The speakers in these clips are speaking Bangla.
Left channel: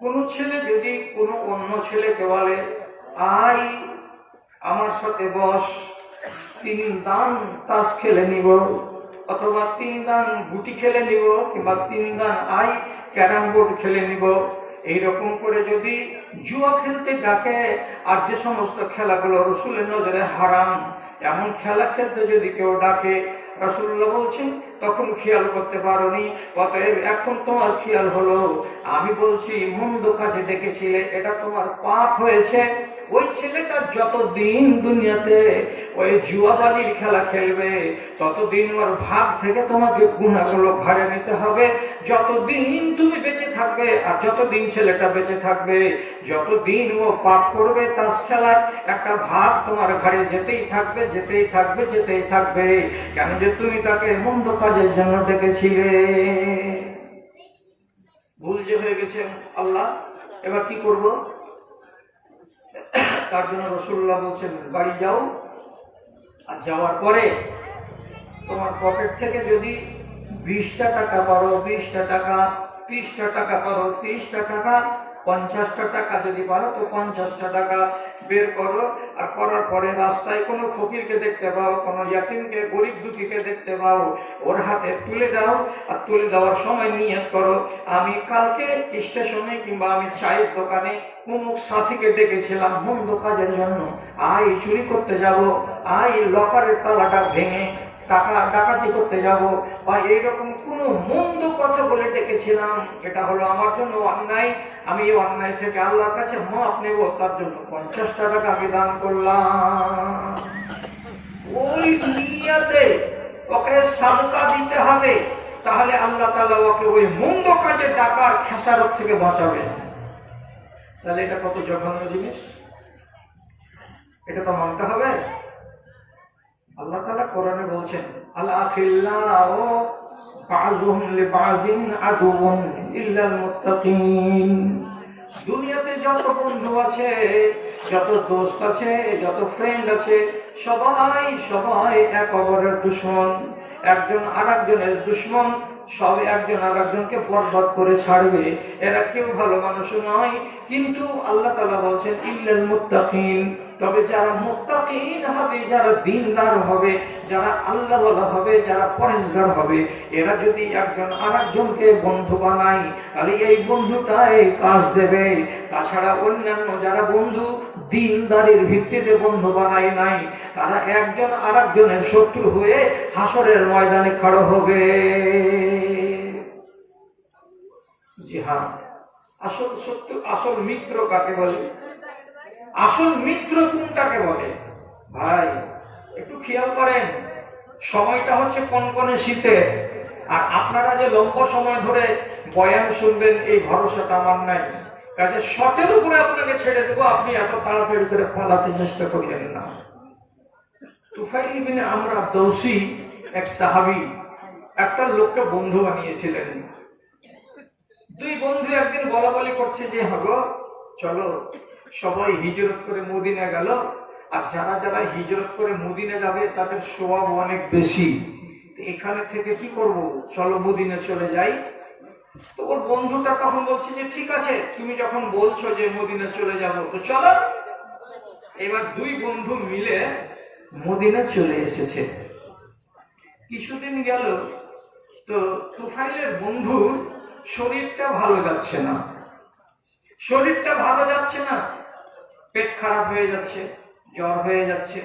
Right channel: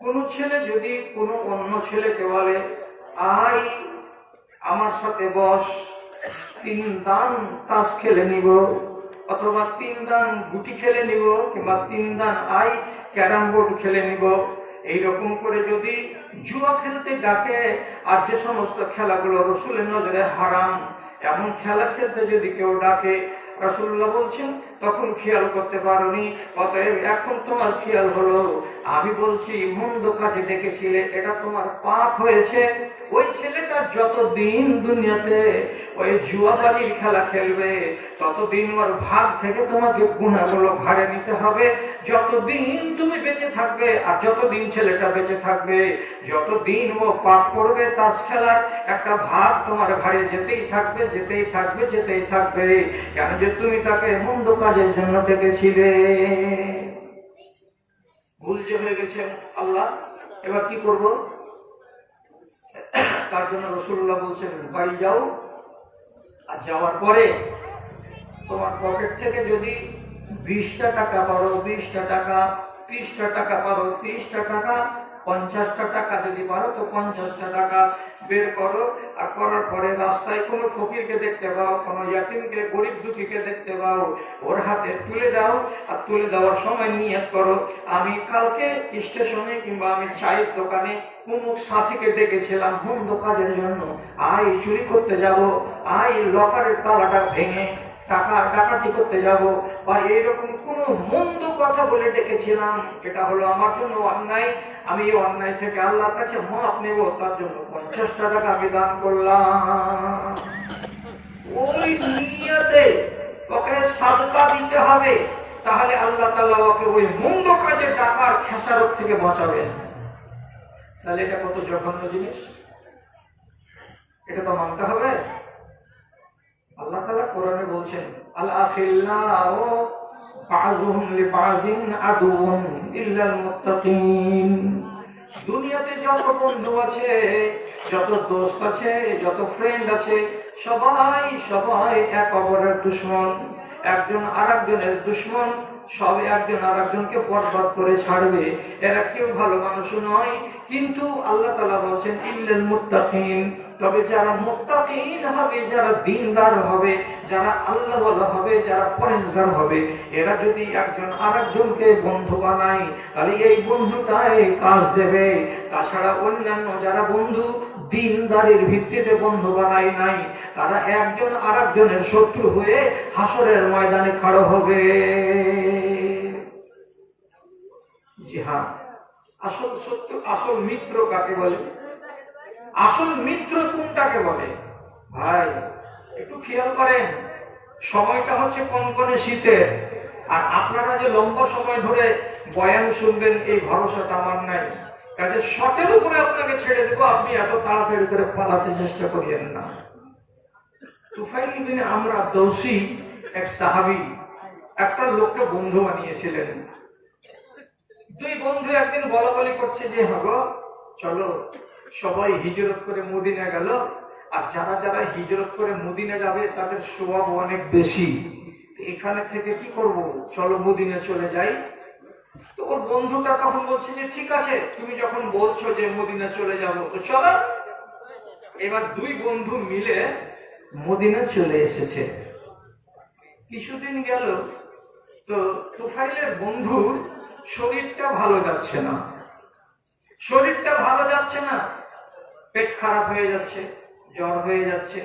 কোন ছেলে যদি কোনো অন্য ছেলেকে বলে আই আমার সাথে বস, তিন দান তাস খেলে নিব, অথবা তিন দান গুটি খেলে নিব, কিংবা তিন দান আই ক্যারাম বোর্ড খেলে নিব। এইরকম করে যদি জুয়া খেলতে ডাকে, আর যে সমস্ত খেলাগুলো রসুলের নজরে হারাম, এমন খেলা খেলতে যদি কেউ ডাকে, রসুল্লাহ বলছেন, তখন খেয়াল করতে পারোনি, অতএব এখন তোমার খেয়াল হলো। আমি বলছি, মন্দ কাজে ডেকেছিলে এটা তোমার পাপ হয়েছে। ওই ছেলেটা যতদিন দুনিয়াতে ওই জুয়াবাজির খেলা খেলবে, ততদিন ওর ভাগ থেকে তোমাকে গুণাগুলো ভাড়ে নিতে হবে। যতদিন তুমি বেঁচে থাকবে, আর যতদিন ছেলেটা বেঁচে থাকবে, যতদিন ও পাপ করবে, তাস খেলার একটা ভাগ তোমার ঘাড়ে যেতেই থাকবে যেতেই থাকবে যেতেই থাকবে। কেন যে তুমি তাকে মন্দ কাজের জন্য ডেকেছিলে? ভুল যে হয়ে গেছে আল্লাহ, এবার কি করব? তার জন্য রসুল্লাহ বলছেন, বাড়ি যাও আর যাওয়ার পরে তোমার পকেট থেকে যদি বিশটা টাকা পারো, বিশটা টাকা, ত্রিশটা টাকা পারো, ত্রিশটা টাকা পঞ্চাশটা টাকা যদি পারো, তো পঞ্চাশটা টাকা বের করো। আর করার পরে রাস্তায় কোনো ফকিরকে দেখতে পাও, কোনো ইয়াতিমকে, গরিব দুঃখীকে দেখতে পাও, ওর হাতে তুলে দাও। আর তুলে দেওয়ার সময় নিয়ত করো, আমি কালকে স্টেশনে কিংবা আমি চায়ের দোকানে অমুক সাথীকে ডেকেছিলাম মন্দ কাজের জন্য। আই চুরি করতে যাব আই লকারের তালাটা ভেঙে টাকা ডাকাতি করতে যাব। বা এইরকম কোন মন্দ কথা বলে ডেকেছিলাম। এটা হলো আমার জন্য অন্যায়। আমি এই অন্যায় থেকে আল্লাহর কাছে মাপ নেব। তার জন্য পঞ্চাশটা টাকা আমি দান করলাম। ওই দুনিয়াতে ওকে সাদকা দিতে হবে। তাহলে আল্লাহ তালা ওকে ওই মন্দ কাজে টাকার খেসারত থেকে বাঁচাবেন। তাহলে এটা কত জঘন্য জিনিস? এটা তো মানতে হবে। আল্লাহ তালা কোরআনে বলছেন দুনিয়াতে যত বন্ধু আছে, যত দোস্ত আছে, যত ফ্রেন্ড আছে, সবাই সবাই এক অপরের দুশ্মন। একজন আরেকজনের দুশ্মন, সব একজন আর একজনকে বরবাদ করে ছাড়বে। এরা কেউ ভালো মানুষ নয়, কিন্তু আল্লাহ তালা বলছেন, ইল্লাল মুত্তাকিন। তবে যারা মুত্তাকিন হবে, যারা দিনদার হবে, যারা আল্লাহ বলা হবে, যারা পরেশগার হবে, এরা যদি একজন আর একজনকে বন্ধু বানায়, তাহলে এই বন্ধুটাই কাজ দেবে। তাছাড়া অন্যান্য যারা বন্ধু দিনদারির ভিত্তিতে বন্ধু বানায় নাই, তারা একজন আর একজনের শত্রু হয়ে হাসরের ময়দানে খাড়ো হবে। জি হ্যাঁ আসল শত্রু, আসল মিত্র কাকে বলে? আসল মিত্র কোনটাকে বলে? ভাই, একটু খেয়াল করেন, সময়টা হচ্ছে কোন কোন শীতে? আর আপনারা যে লম্বা সময় ধরে বয়ান শুনবেন, এই ভরসাটা আমার নাই। কাজে শটের উপরে আপনাকে ছেড়ে দেবো, আপনি এত তাড়াতাড়ি করে পালাতে চেষ্টা করবেন না। তুফাইল ইবনে আমরা দৌসি, এক সাহাবি, একটা লোককে বন্ধু বানিয়েছিলেন। দুই বন্ধু একদিন বলা বলি করছে যে, হগো, চলো সবাই হিজরত করে মদিনা গেল। আর যারা যারা হিজরত করে মদিনা যাবে, তাদের সোয়াব অনেক বেশি। এখানে থেকে কি করব? চলো মদিনা চলে যাই। তো ওর বন্ধুটা তখন বলছে যে, ঠিক আছে, তুমি যখন বলছো যে মদিনা চলে যাব, তো চলো। এবার দুই বন্ধু মিলে মদিনা চলে এসেছে। কিছুদিন গেল, তো তুফাইলের বন্ধু শরীরটা ভালো যাচ্ছে না। শরীরটা ভালো যাচ্ছে না। পেট খারাপ হয়ে যাচ্ছে, জ্বর হয়ে যাচ্ছে।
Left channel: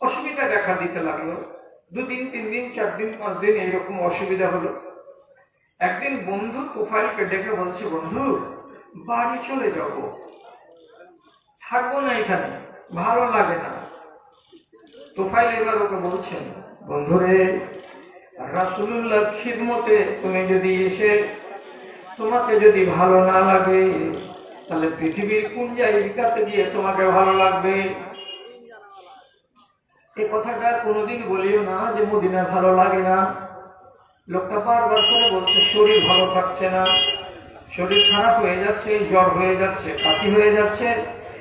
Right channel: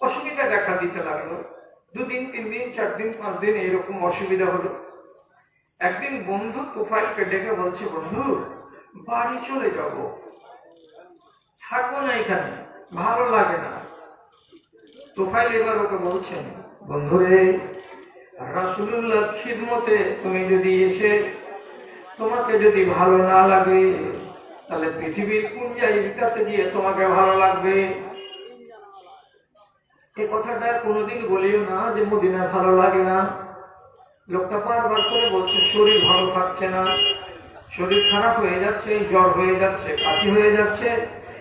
অসুবিধা দেখা দিতে লাগল। দুদিন তিন দিন, চার দিন, পাঁচ দিন এরকম অসুবিধা হলো। একদিন বন্ধু তুফাইলকে ডেকে বলছে, বন্ধু, বাড়ি চলে যাব। থাকব না এখানে, ভালো লাগে না। তোফাইল এবার ওকে বলছেন, বন্ধুরে রাসুল্লাহ খিদমতে তুমি যদি এসে তোমাকে যদি ভালো না লাগে তাহলে পৃথিবীর কোন জায়গাতে গিয়ে তোমাকে ভালো লাগবে? এই কথাটা কোনোদিন বলিও না যে মদিনা ভালো লাগে না। লোকটা বারবার করে বলছে, শরীর ভালো থাকছে না। শরীর খারাপ হয়ে যাচ্ছে, জ্বর হয়ে যাচ্ছে, কাশি হয়ে যাচ্ছে।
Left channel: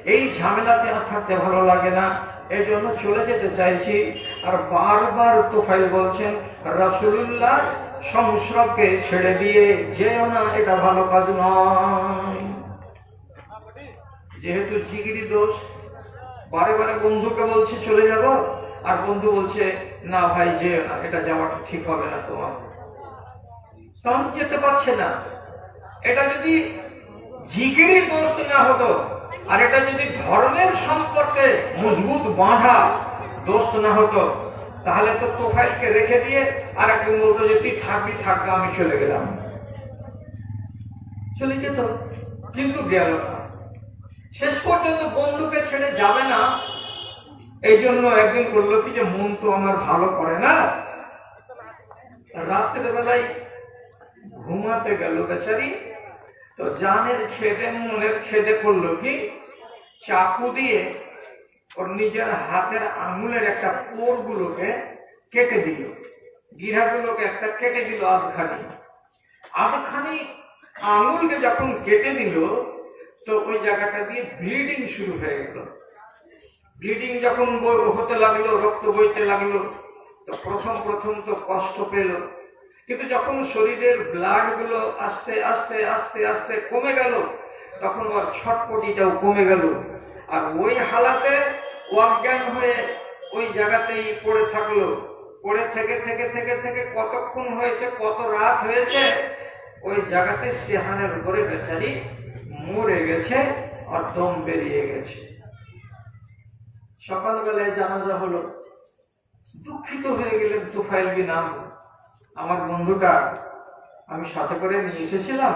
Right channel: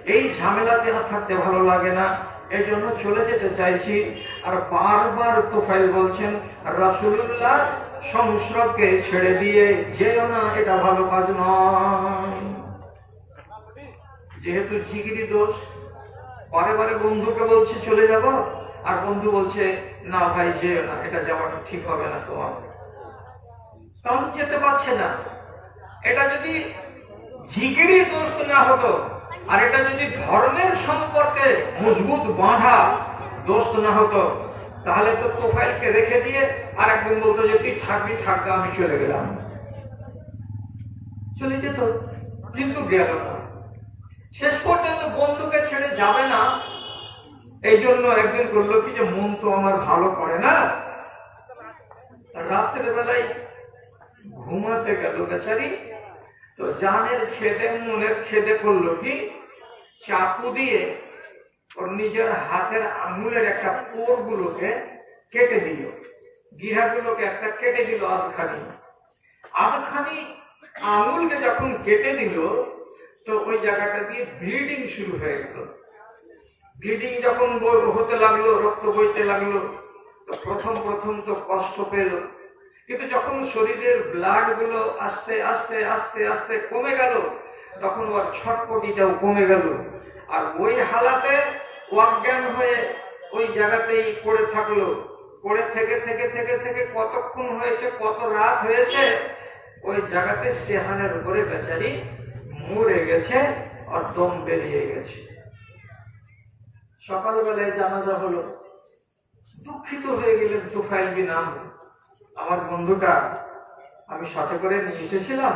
এই ঝামেলাতে আর থাকতে ভালো লাগে না? এই জন্য চলে যেতে চাইছি। আর বারবার তোফাইল বলছেন রাসুল্লাহ সংস্রবকে ছেড়ে দিয়ে যেও না, এটা ভালো কাজ নয়। যেহেতু জিগিরি দোষ, বারে বারে বন্ধুকে বলছে চলে যাব, আর বন্ধু বলছে, না ভাই, যেও না, এটা যাওয়াটা ঠিক হবে না তোমার। তখন যেতে পারছে না। এটা যদি জিগিরি দোষ না হতো, আর এটা যদি ধর্মের সম্পর্কে মজবুত বাঁধা দোস্ত না হতো, তাহলে তো তোফাইলকে রেখে দিয়ে আর একজন বলতো যে, তুই থাকবি, থাকবে, আমি চলে গেলাম। চলে যেত, কিন্তু গেল না। শেষ পর্যন্ত বন্ধুকে ছেড়ে যাবে না। এই জন্য একদিন বলল, কি যে মন তো আমার ভালো করে না? রাত্রে বেলায় ঘুমাতে গেল বেচারি। তো জানের খেদে, মনের খেদে করল কি, চাকু দিয়ে ওর নিজের হাতের আঙুলের একটা পোর গুলোকে কেটে দিল। গিরাগুলোকে একটা কেটে দিল আধখানি। আধখানি আঙুলকে যখন কেটে দিল তো ওই জায়গাটা দিয়ে ব্লিডিং শুরু হয়ে গেল। ব্লিডিং যখন হতে লাগল, রক্ত বইতে লাগল প্রথম প্রথম তো কষ্ট পেল। কিন্তু যখন শরীরের ব্লাডগুলো আস্তে আস্তে আস্তে আস্তে কমে গেল, তখন ওর ছটপটিটাও কমে গেল। আর ওই হালাতে অজ্ঞান হয়ে ওই জায়গাতেই পড়ে থাকল। পড়ে থেকে থেকে থেকে থেকে কতক্ষণ হয়েছে, কত রাত হয়েছে, ওই জায়গাতে সেহানের উপরে বেচারি মরে গেছে, আর দম বেরিয়ে গেছে। সকালবেলায় জানাজা হলো। দুঃখিত হয়ে গেলেন তুফাইল বিন আমর। বন্ধুটা, আমি সাথে করে নিয়ে এসেছিলাম,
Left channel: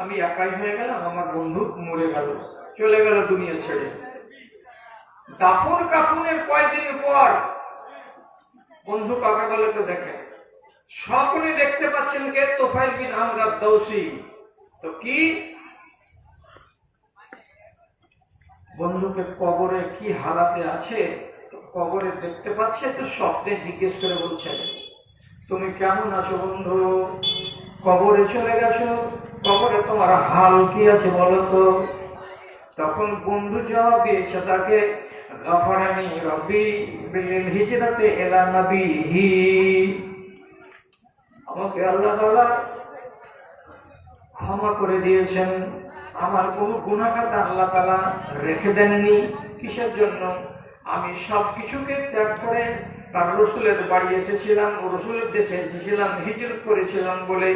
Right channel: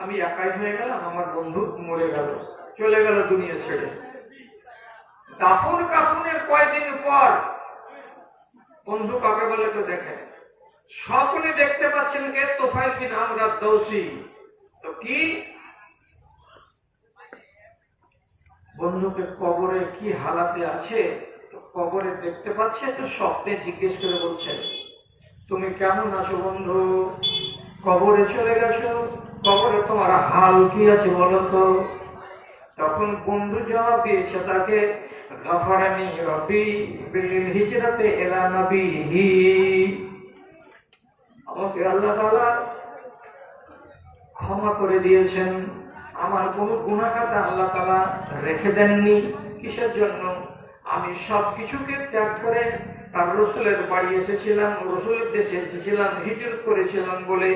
আমি একাই হয়ে গেলাম, আমার বন্ধু মরে গেল, চলে গেল দুনিয়া ছেড়ে। দাফন কাফনের কয়েকদিন পর বন্ধু কাকে বলে তো দেখে। সকলে দেখতে পাচ্ছেন কে? তোফাইল বিন আমর দৌসি। তো কি? বন্ধুকে কবরে কি হারাতে আছে কবরে দেখতে পাচ্ছে তো স্বপ্নে জিজ্ঞেস করে বলছেন তুমি কেমন আছো বন্ধু? কবরে চলে গেছো? কবরে তোমার হাল কি আছে বলো তো? তখন বন্ধু জবাব দিয়েছে তাকে, গাফারানি বিল হিজরাতে এলা নবিহি। আমাকে আল্লাহ ক্ষমা করে দিয়েছেন। আমার কোন গুণাখাতা আল্লাহ তালা রেখে দেননি। কিসের জন্য? আমি সব কিছুকে ত্যাগ করে তার রসুলের বাড়ি এসেছিলাম রসুলের দেশে এসেছিলাম, হিজরত করেছিলাম বলে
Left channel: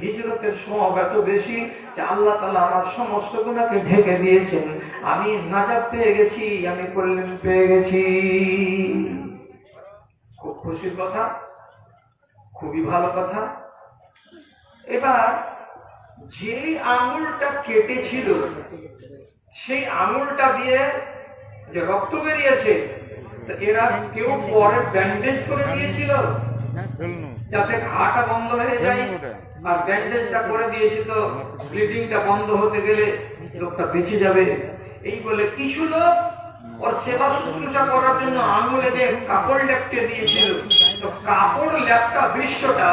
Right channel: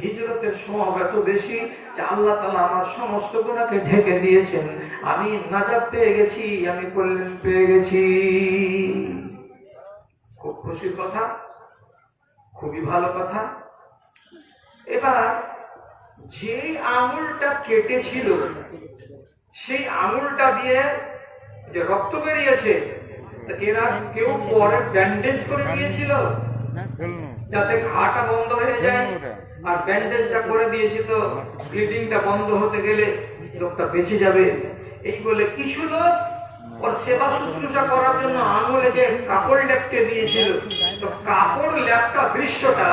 হিজরতের সময় এত বেশি যে আল্লাহ তালা আমার সমস্ত গুণাকে ঢেকে দিয়েছেন। আমি নাজাদ পেয়ে গেছি, আমি কল্যাণ পেয়ে গেছি। খুব খুশির কথা, খুবই ভালো কথা। এবার যে আঙুলটা কেটেছিল সেই আঙুলটা দিয়ে যে রক্ত বেরিয়েছে এরা কেউ পরে ব্যান্ডেজ করে দিয়েছিল? যাতে ঘাটা বন্ধ হয়ে যায়। আর ব্যান্ডেজটা করে দিয়েছে তো ব্লিডিংটা বন্ধ হতে গেলে লোকটা বেঁচে যাবে। এই বলে কিছু লোক ওর করার জন্য আঙুলে যে কাপড় লেপটে দিয়েছিল। তো কাপড় লেপটা দৃশ্যটা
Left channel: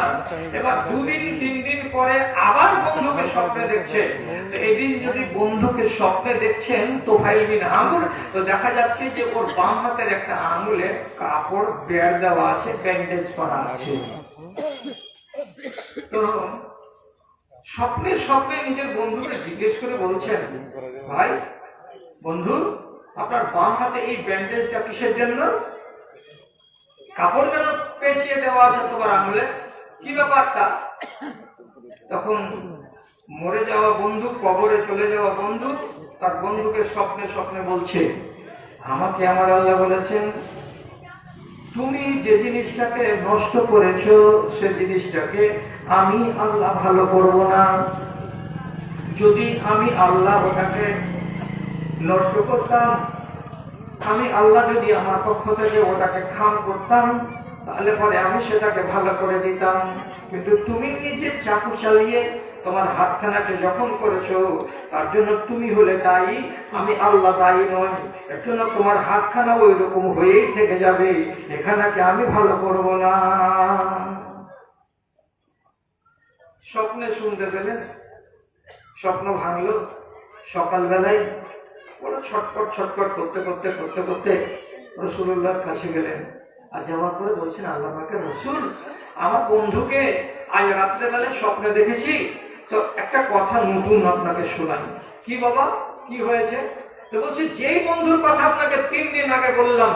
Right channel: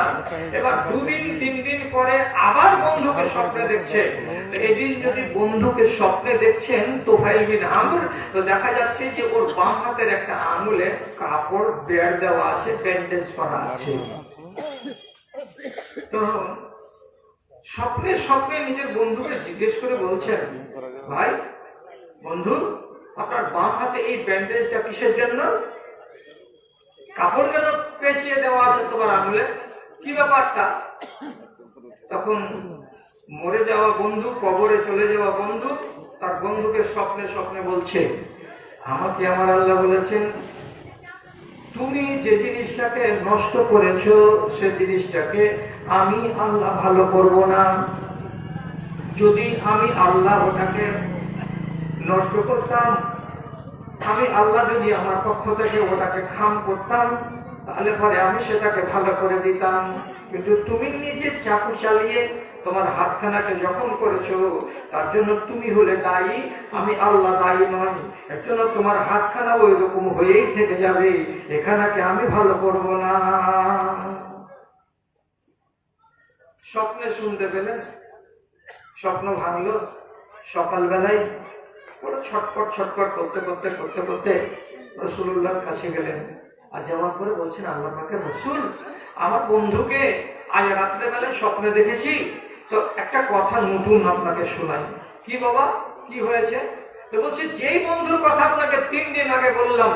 এবার দুদিন তিন দিন পরে আবার বন্ধুকে স্বপ্নে দেখছে। এদিন যদি বন্ধুকে স্বপ্নে দেখছেন বিন আঙুল, তো দেখা যাচ্ছে যে ওর বাম হাতের একটা আঙুলে কাপড় বেড় দেওয়া আছে ব্যান্ডেজ করা আছে। তো স্বপ্নে স্বপ্নে নিজের বন্ধুকে জিজ্ঞেস করে বলছেন, ভাই, বন্ধু আপনার বাম হাতে এই ব্যান্ডেজটা কিসের জন্য? কাপড় যেন পেঁচিয়ে দেওয়া আছে তোমার আঙুলে। কি ব্যাপারটা? তখন মরে যাওয়া বন্ধু, কবরে চলে যাওয়া বন্ধু, তার বন্ধুকে স্বপ্নে স্বপ্নে বলছে, আমাকে আমার আল্লাহ বলেছেন, তুমি যে জিনিসটাকে নষ্ট করেছ, সে জিনিসটাকে আমি আল্লাহ ভালো করব না। যদি আমি আল্লাহ ওটাকে নষ্ট করতাম। আমি আল্লাহ যদি আমার পক্ষ থেকে ওটাকে খাম করতাম, তাহলে পরে আমি সেটাকে ভালো করে দিতাম। কিন্তু তুমি নিজে চাকু চালিয়ে তোমার হাতখানাকে যখন করেছ, তার জন্য তুমি হলে দায়ী, আমি আল্লাহ দায়ী নই। এর জন্য তোমার হাতখানা ওই রকম হয়েই থেকে যাবে, এখানাকে আমি ভালো করব না। স্বপ্নে শুনতে পেলেন স্বপ্ন ভাঙলো, সকালবেলায় ছটপট ছটপট করতে করতে করতে করতে রসুল্লাহর কাছে গেলেন। আর যেমন করে বলছেন আল্লাহ রসুল, আমার বন্ধুকে আজ রাত্রে বেলায় স্বপ্নে দেখেছি। তো একটা কথা নতুন আপনাকে শোনাই। কি বাবা? কি হয়েছে? তো বলছে, যেই বন্ধুর কথা আপনাকে তিন দিন আগে বললাম,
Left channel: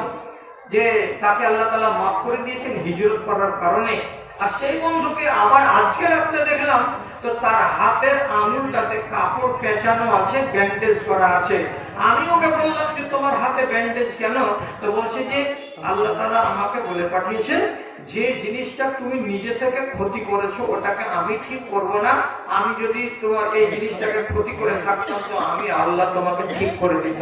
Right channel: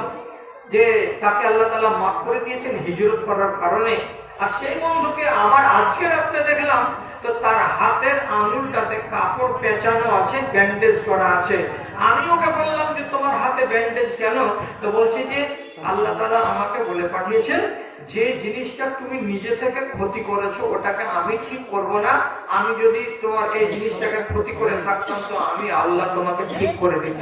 যে তাকে আল্লাহ তালা মাফ করে দিয়েছেন হিজরত করার কারণে, আর সেই বন্ধুকে আবার আজকে রাত্রে দেখলাম তো তার হাতের আঙুলটাতে কাপড় পেঁচানো আছে ব্যান্ডেজ করা আছে। আমি ওকে বললাম যে, তোমার হাতে ব্যান্ডেজ কেন? তো বলছে যে, আল্লাহ তালা আমাকে বলে পাঠিয়েছেন, যে জিনিসটা তুমি নিজে থেকে ক্ষতি করেছ, ওটাকে আমি ঠিক করব না। আমি যদি তোমার এই জিনিসটাকে ক্ষতি করে থাকতাম, তো আমি আল্লাহ তোমাকে ঠিক করে দিতাম।